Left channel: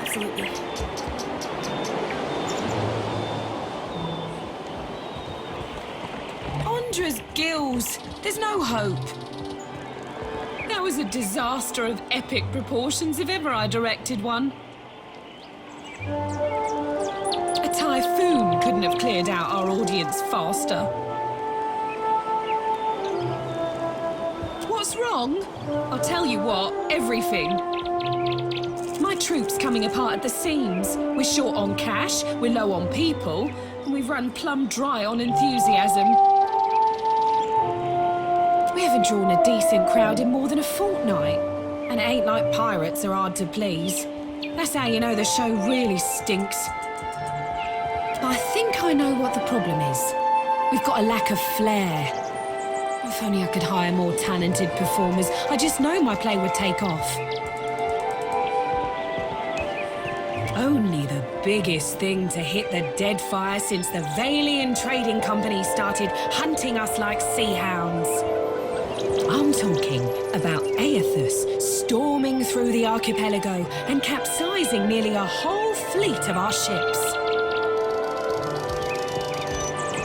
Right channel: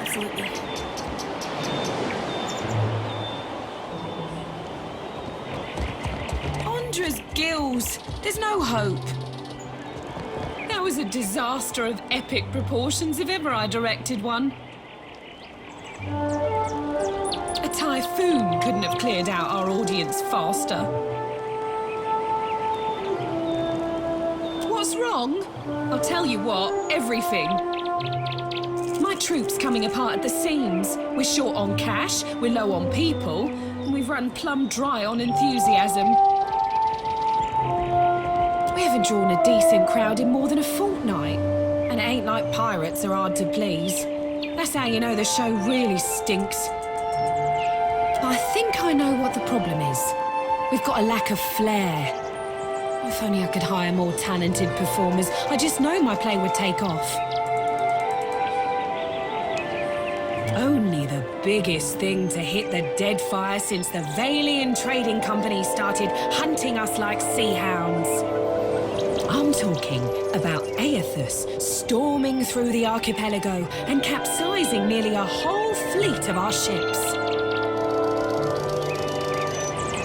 Absolutely. Andra's gills! There's no hope. That was a disaster of epic proportions if ever I directed one. A typhoon couldn't have cleared out our audience faster. What's wrong? I'll tell you what, everything. My troop's coming apart at the seams. We're short on cash, we're low on people, and we've run plumb dry on enthusiasm. We haven't drawn a decent crowd in more than a fortnight. And it ain't like pirates are hard to please. That's how you know the show really stinks. But I think I know what the problem is. We've got a lack of flair. If only I could hire more talented performers, I just know my play would take off. Only the biggest thing to hit the dead fire since the Vailian Trading Company started hunting us like sea hounds. I'm talking about Aethus storming through the archipelago and capsizing nearly a whole fleet of our ships.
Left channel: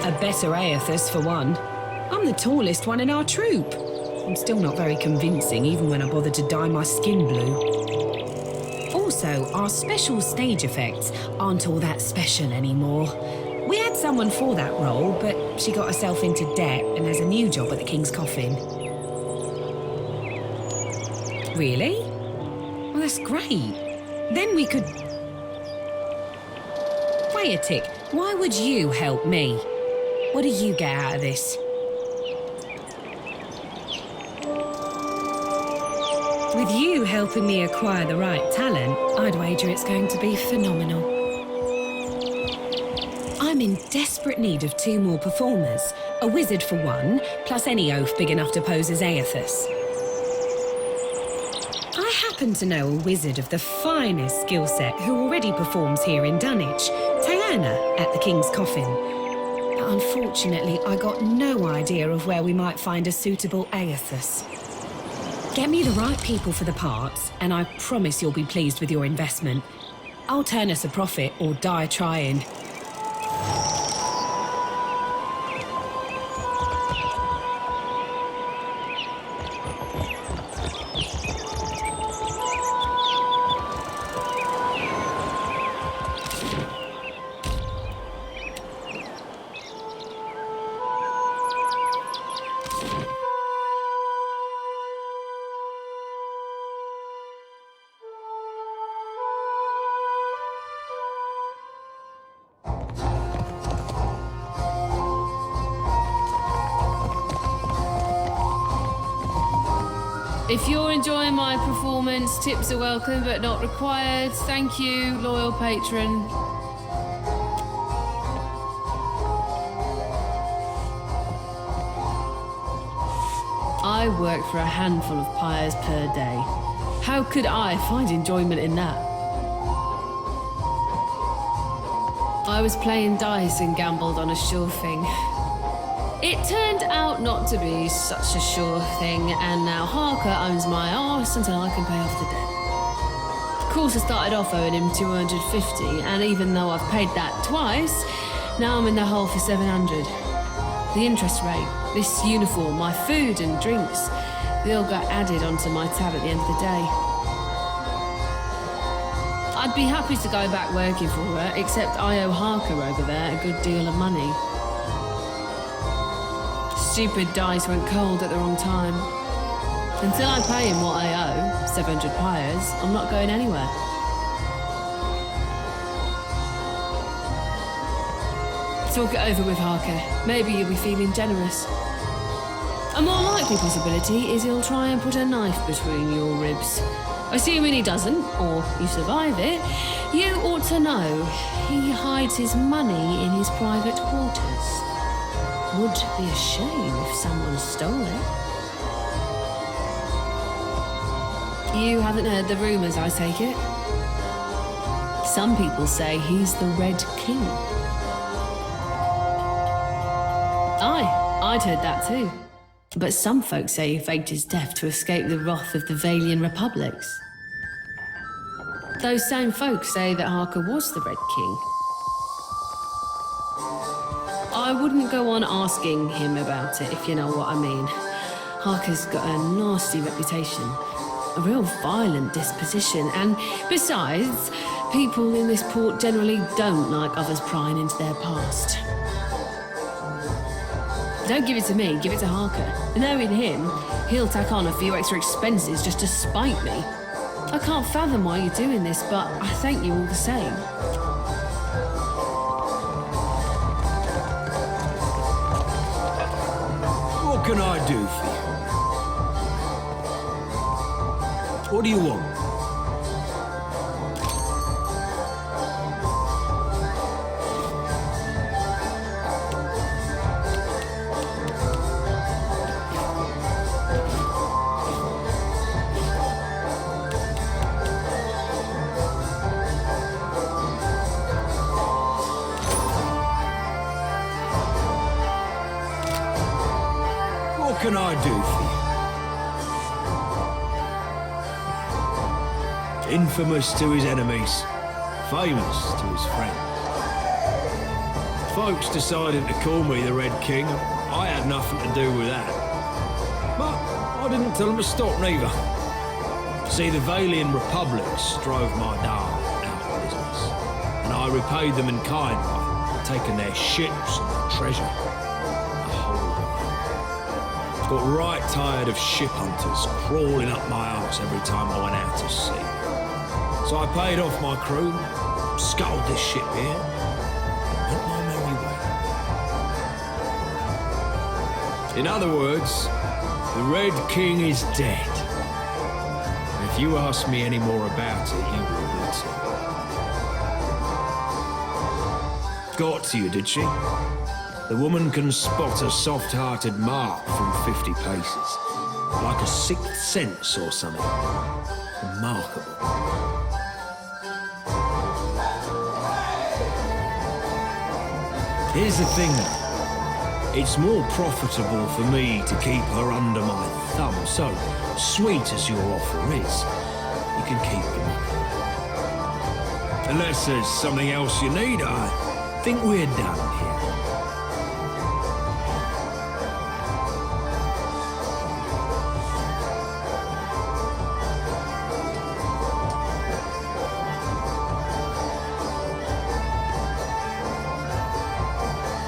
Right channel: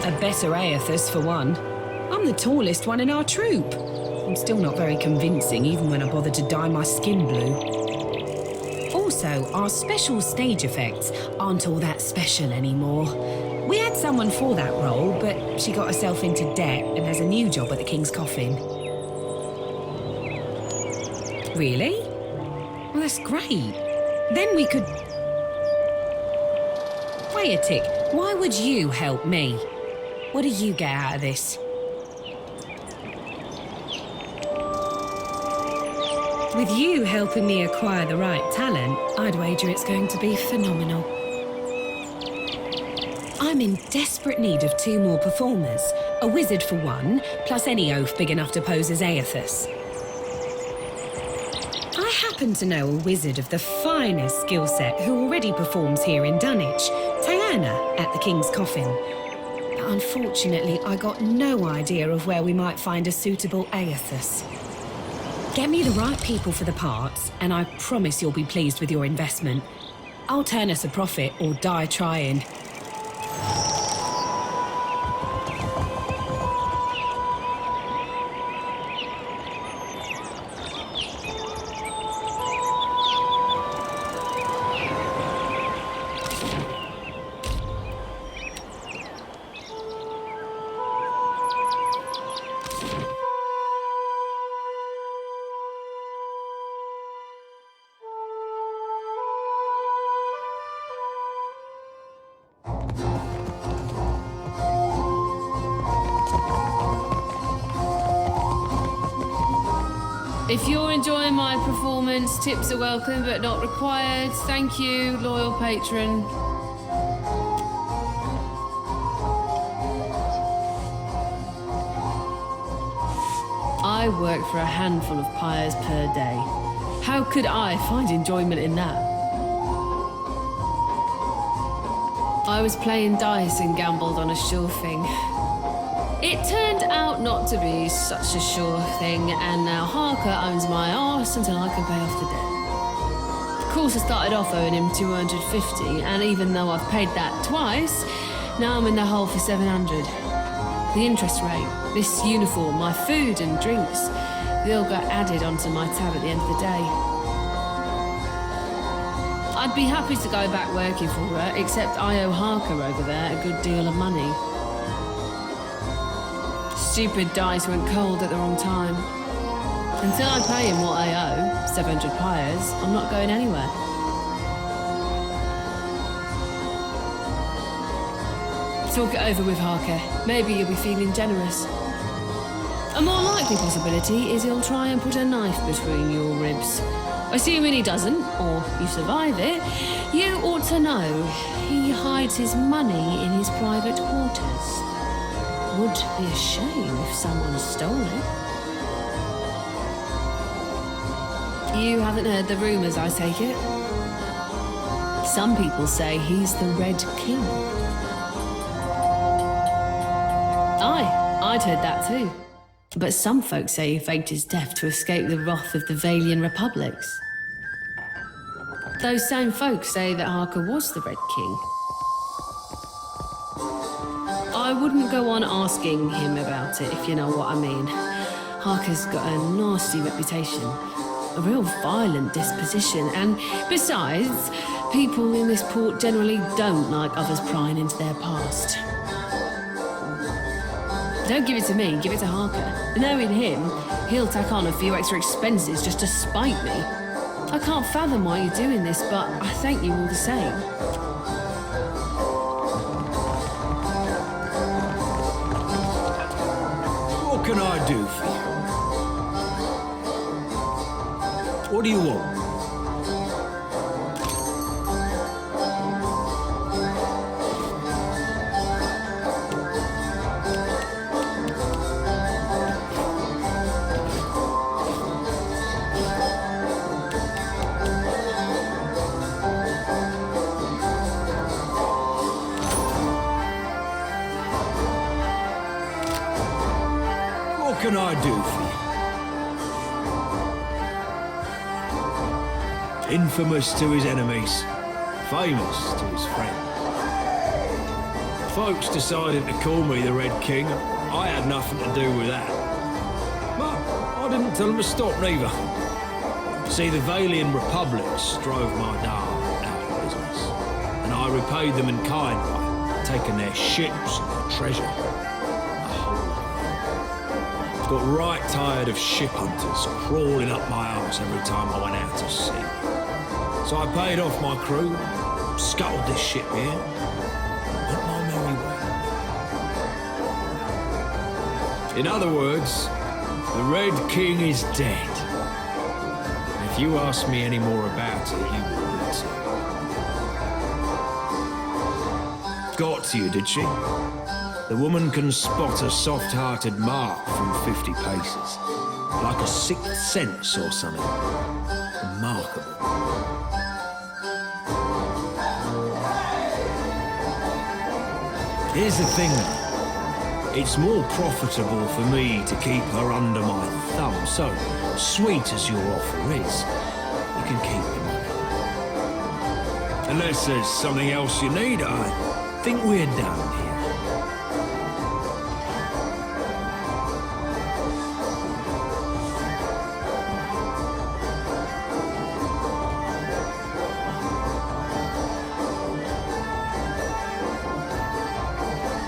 A better Aethus, for one. I'm the tallest one in our troop. I'm still not very convincing, even when I bother to dye my skin blue. Also, our special stage effects aren't all that special anymore. We had someone for that role, but she got herself into debt and has a new job at the King's Coffin. Really? Well, that's great. Then we could... Wait a tick. Why would you help me? What do you get out of this? With you helping me acquire the right talent, I'd wager it's going to be phenomenal. I'm in desperate need of 2 more performers. A wizard for one, plus any oaf big enough to pose as Aethus. I happen to know a wizard of the finest skill set who already performs here in Dunwich, Taerna at the King's Coffin. But unfortunately, I got no idea of where we might find a suitable Aethus. Get me the right people for the parts, and I promise you'll be pleased with your investment. I'll turn us a profit or die trying. If you're enjoying my performance, tips are welcome but not required. Thank you, loyal patron. I work for a handful of pyres per day. How could I find enjoyment in that? I was playing dice and gambled on a sure thing. It turned out not to be such a sure thing, and now Harker owns my arse until I can pay off the debt. Of course, I started off owing him 250, and even though I've paid that twice, now I'm in the hole for 700. The interest rate, this uniform, my food and drinks, they all got added onto my tab at the end of the day. I'd be happy to go back working for her, except I owe Harker over there a good deal of money. Stupid dice went cold at the wrong time. Until I pay him what I owe, 700 pyres, I'm not going anywhere. Talk it over with Harker. Maybe you'll be feeling generous. A more likely possibility is he'll try and put a knife between your ribs. Assuming he doesn't, or you survive it, you ought to know he hides his money in his private quarters. Would be a shame if someone stole it. You haven't heard the rumours, I take it? Some people say he's the Red King. Aye, I'd heard that too. But some folks say he faked his death to escape the wrath of the Vailian Republics. Those same folks say that Harker was the Red King. I wouldn't go on asking him about it, if you know what I mean. Harker's got a nasty reputation, a real violent disposition, and besides, people in this port generally don't like others prying into their past. Don't give it to me, give it to Harker. Knowing him, he'll tack on a few extra expenses just to spite me. I can't fathom why you're doing this, but I thank you all the same. What can I do for you? What do you want? What can I do for you? Infamous to his enemies, famous to his friends. Folks decided to call me the Red King, and I had nothing to do with that. But I didn't tell them to stop neither. See, the Valian republics drove my Dar out of business, and I repaid them in kind by taking their ships and their treasure. A whole lot. Got right tired of ship hunters crawling up my arse every time I went out to sea. So I paid off my crew, scuttled this ship here, and went my merry way. In other words, the Red King is dead. And if you ask me any more about it, you will be too. Got to you, did she? The woman can spot a soft-hearted mark from 50 paces. Like a sixth sense or something. Remarkable. Here's the thing, though. It's more profitable for me to keep her under my thumb, so, sweet as your offer is, you can keep the money. Unless there's something else you need, I think we're done here.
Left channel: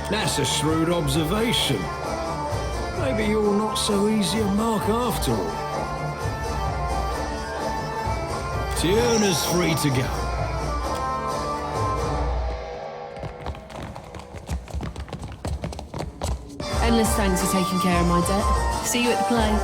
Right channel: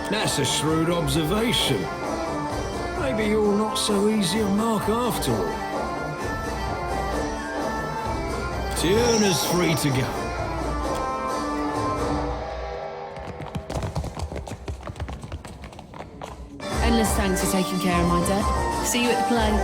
That's a shrewd observation. Maybe you're not so easy a mark after all. Taerna's free to go. Endless thanks for taking care of my debt. See you at the play.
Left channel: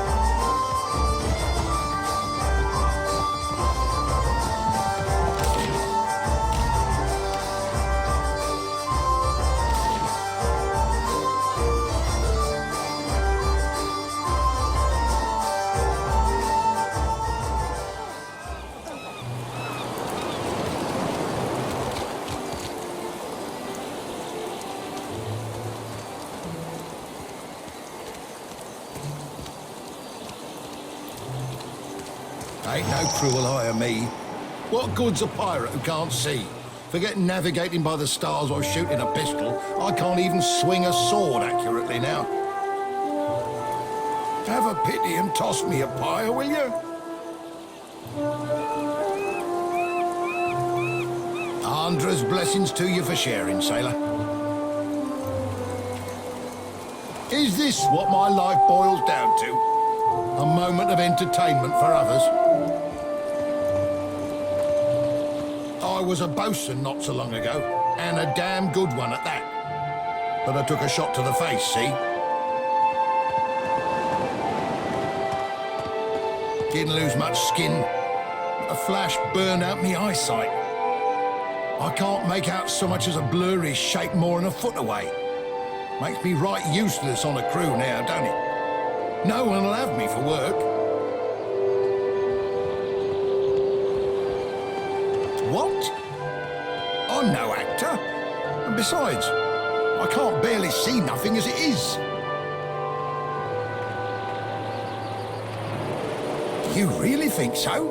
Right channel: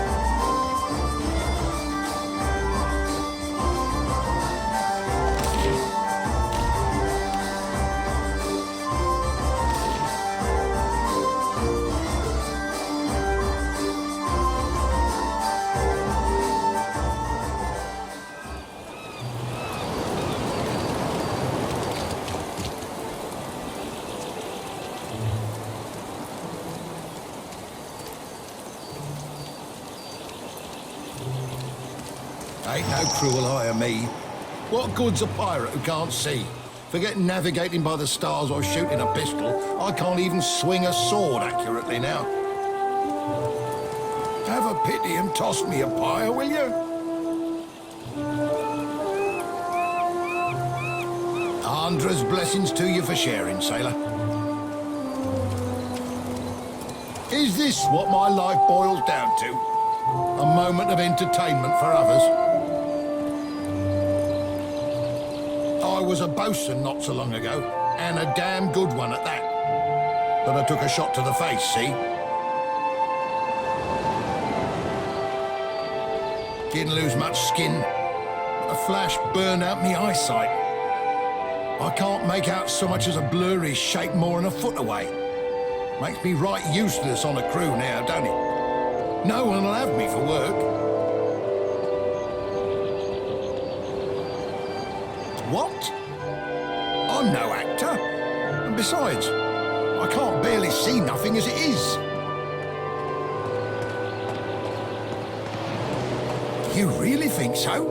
Ain't no cruel eye of me. What good's a pirate who can't see? Forget navigating by the stars or shooting a pistol. I can't even swing a sword accurately now. Have a pity and toss me a pyre, will you? Andra's blessings to you for sharing, sailor. Is this what my life boils down to? A moment of entertainment for others? I was a bosun not so long ago, and a damn good one at that. But I took a shot to the face, see? Didn't lose much skin, but the flash burned out me eyesight. I can't make out so much as a blurry shape more than a foot away. Makes me right useless on a crew now, don't it? No one will have me for work. What? I'm no actor. And besides, I can't barely see nothing as it is. You really think so?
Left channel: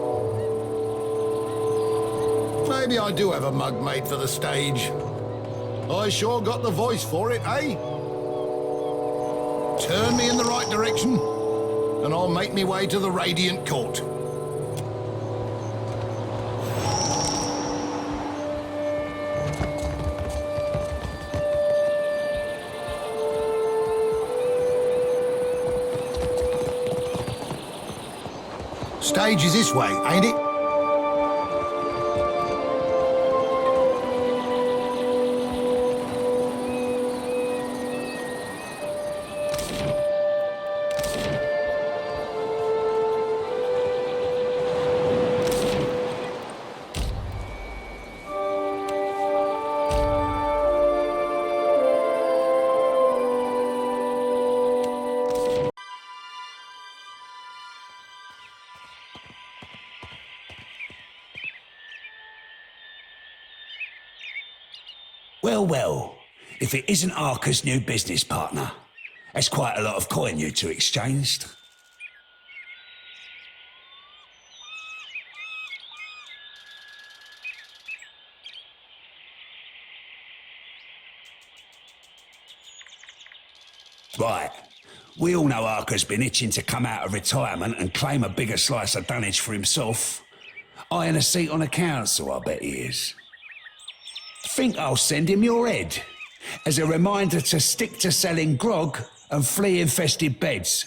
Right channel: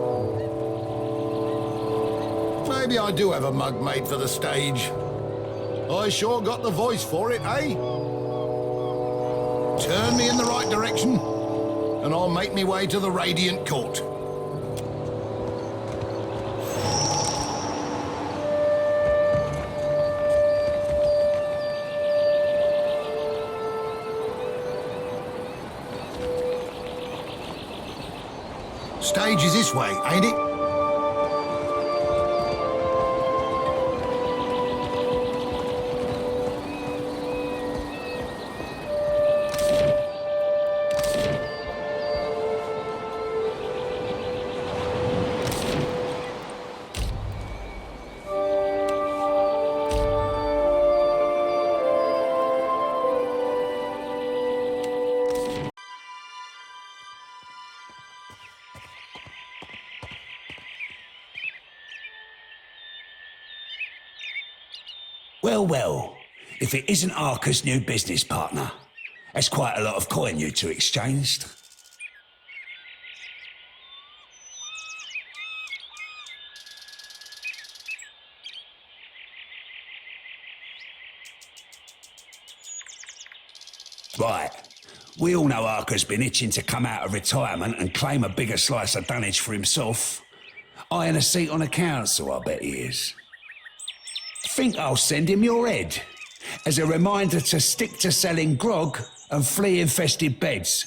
Maybe I do have a mug made for the stage. I sure got the voice for it, eh? Turn me in the right direction, and I'll make me way to the Radiant Court. Stage is this way, ain't it? Well, well, if it isn't Harker's new business partner, that's quite a lot of coin you two exchanged. Right, we all know Harker's been itching to come out of retirement and claim a bigger slice of dunnage for himself. Eyeing a seat on a council, I bet he is. Think I'll send him your head as a reminder to stick to selling grog and flea-infested beds.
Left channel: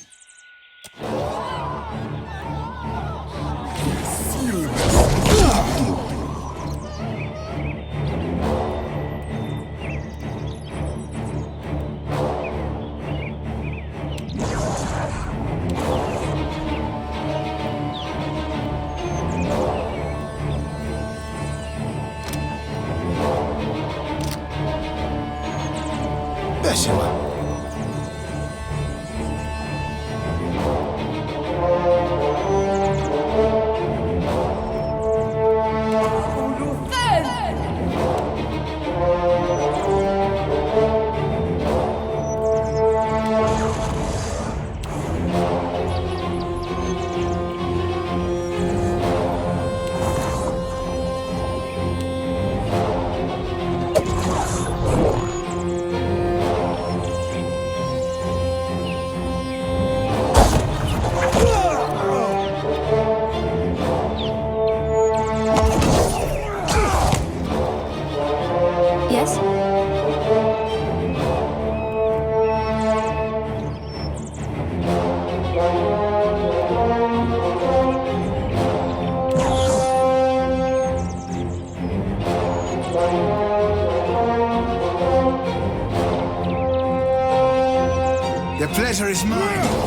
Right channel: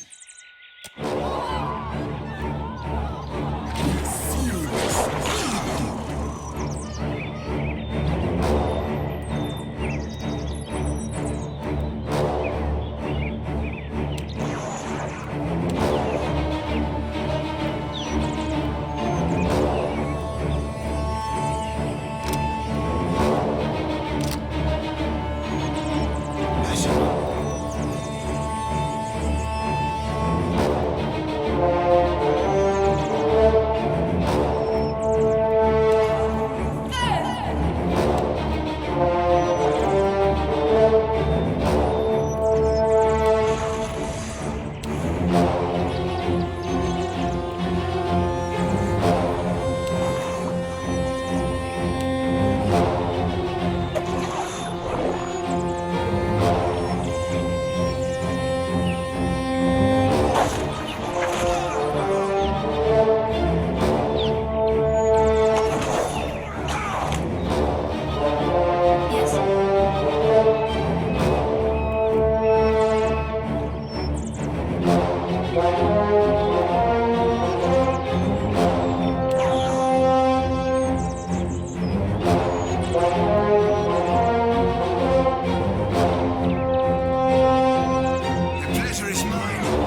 The pleasure is mine.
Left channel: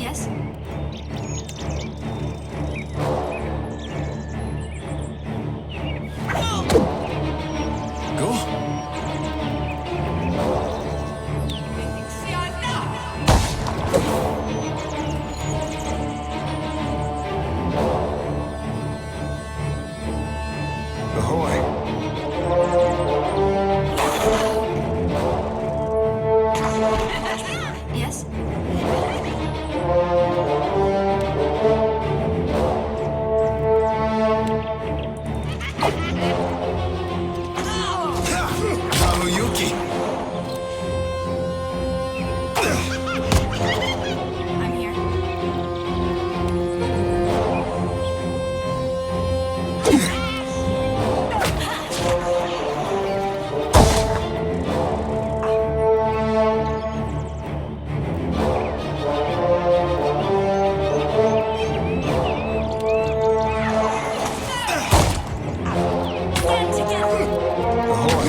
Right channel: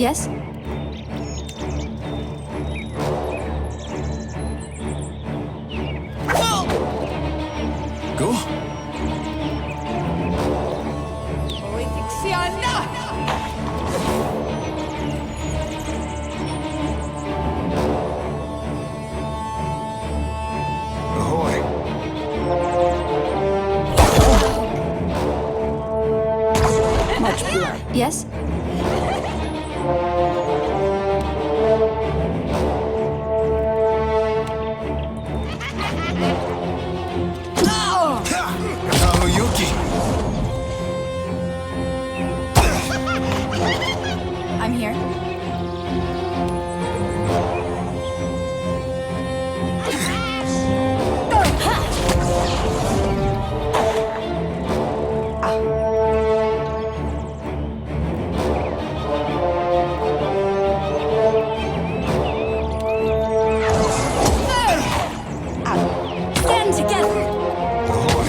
Yes? Go. Ahoy. Yes? Yuki. I'm here. Stand together. Ahoy.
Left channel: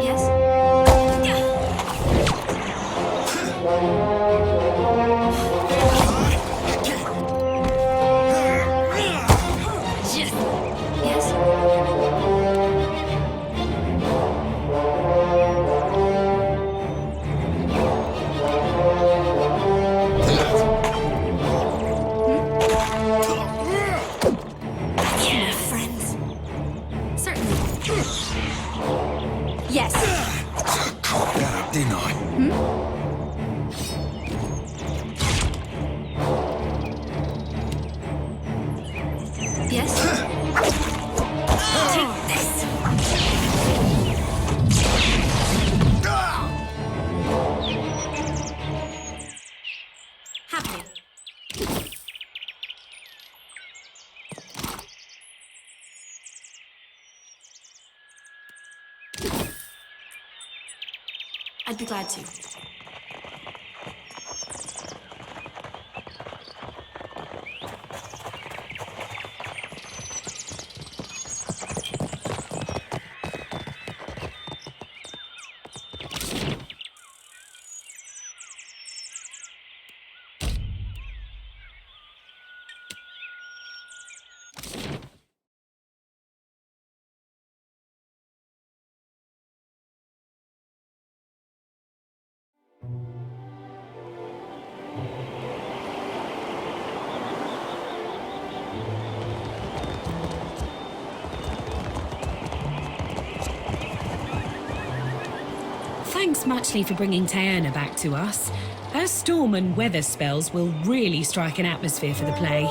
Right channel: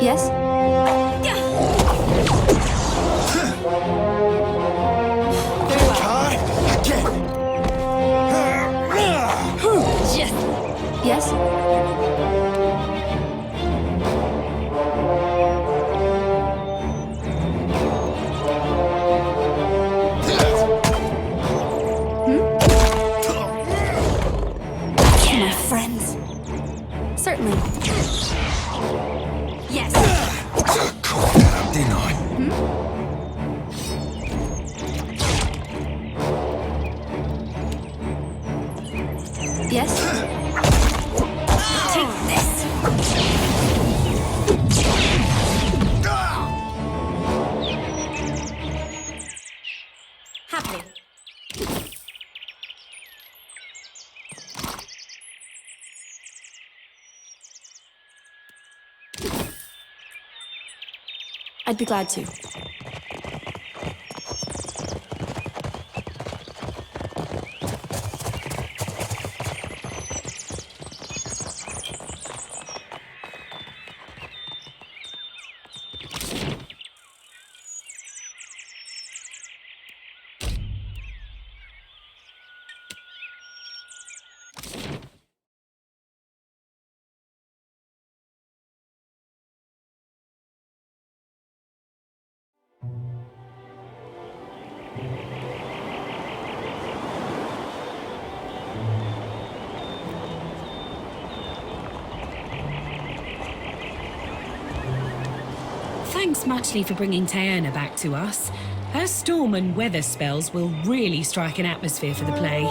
Yes? Try again. Just Yes? my friends. Certainly. Yes. Caught that up, didn't I? Yes? Take this. Happily. I'd be glad to. Thanks muchly for bringing Taerna back to us. Her storm and weather spells will really strike an atmosphere for the play.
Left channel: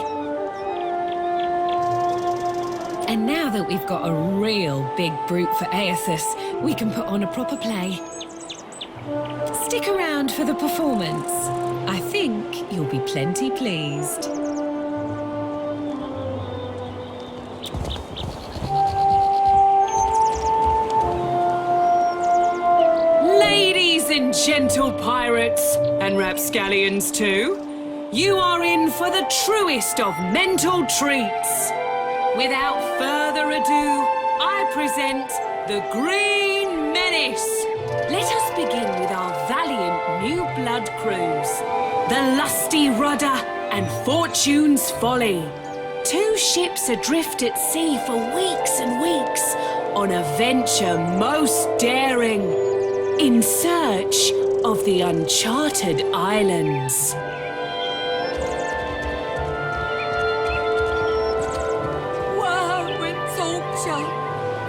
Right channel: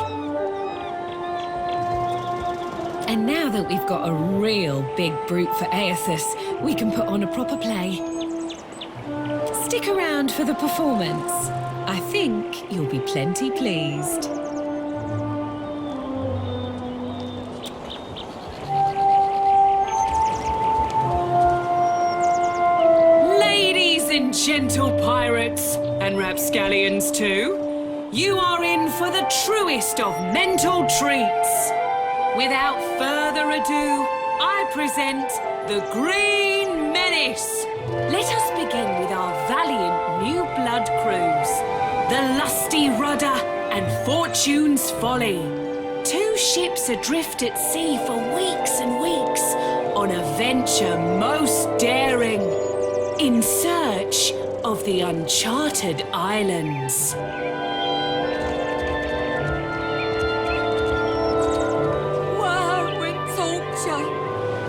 And now that we've got a real big brute for Aethys, we can put on a proper play. Stick around for the performance. I think you'll be plenty pleased. Ladies and gentle pirates, and rapscallions too, you are in for the truest of mental treats. Without further ado, I present the Green Menace. Let us begin with our valiant new blood crews, the Lusty Rudder and Fortune's Folly. Two ships adrift at sea for weeks and weeks on a venture most daring, in search of the uncharted islands. Woe and torture.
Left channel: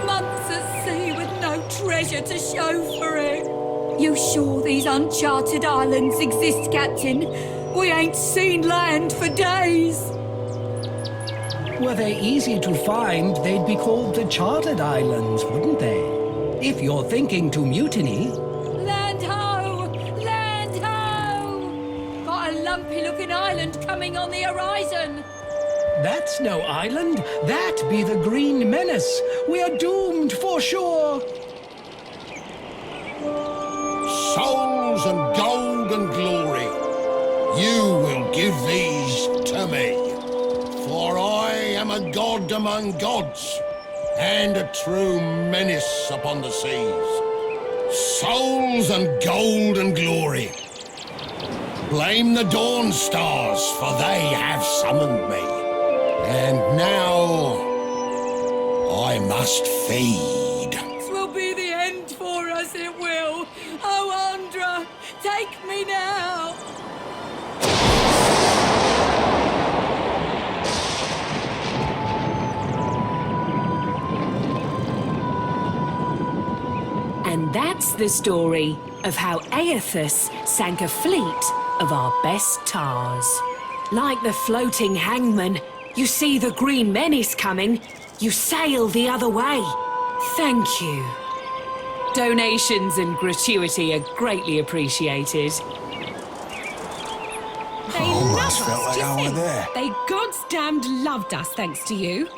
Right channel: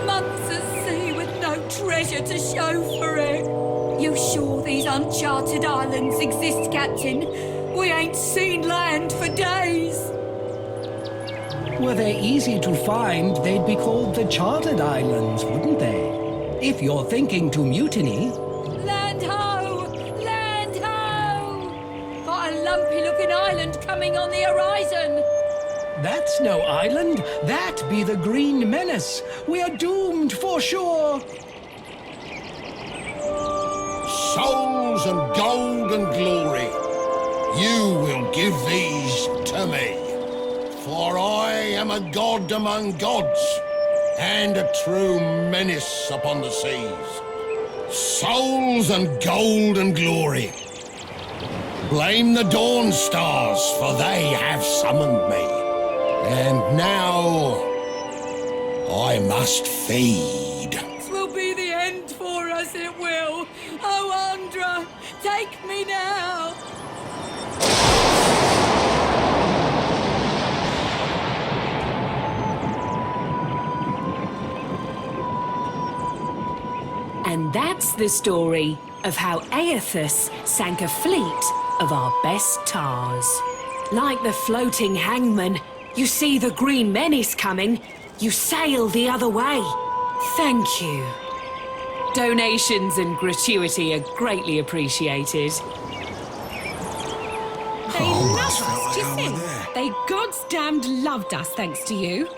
Months at sea with no treasure to show for it. You sure these uncharted islands exist, Captain? We ain't seen land for days. Were they easy to find, they'd be called the Chartered Islands, wouldn't they? If you're thinking to mutiny... Land ho! Land ho! Got a lumpy-looking island coming on the horizon. That's no island. That be the Green Menace. We're doomed for sure. Souls and gold and glory, you will give these to me. For I am a god among gods, and a true menace upon the seas. Souls and gold and glory. Blame the Dawn Stars, for they have summoned me. And now I must feed. This will be the end for us, it will. Oh, Andra, take me now. And that's the story of how Aethys sank a fleet of our best tars. Like the floating hangman, you see the green menace coming, you sail the other way. Thank you. Donations and gratuity are greatly appreciated. They I almost love felt us, like do you I were think? there. They goddamned loved us thanks to you.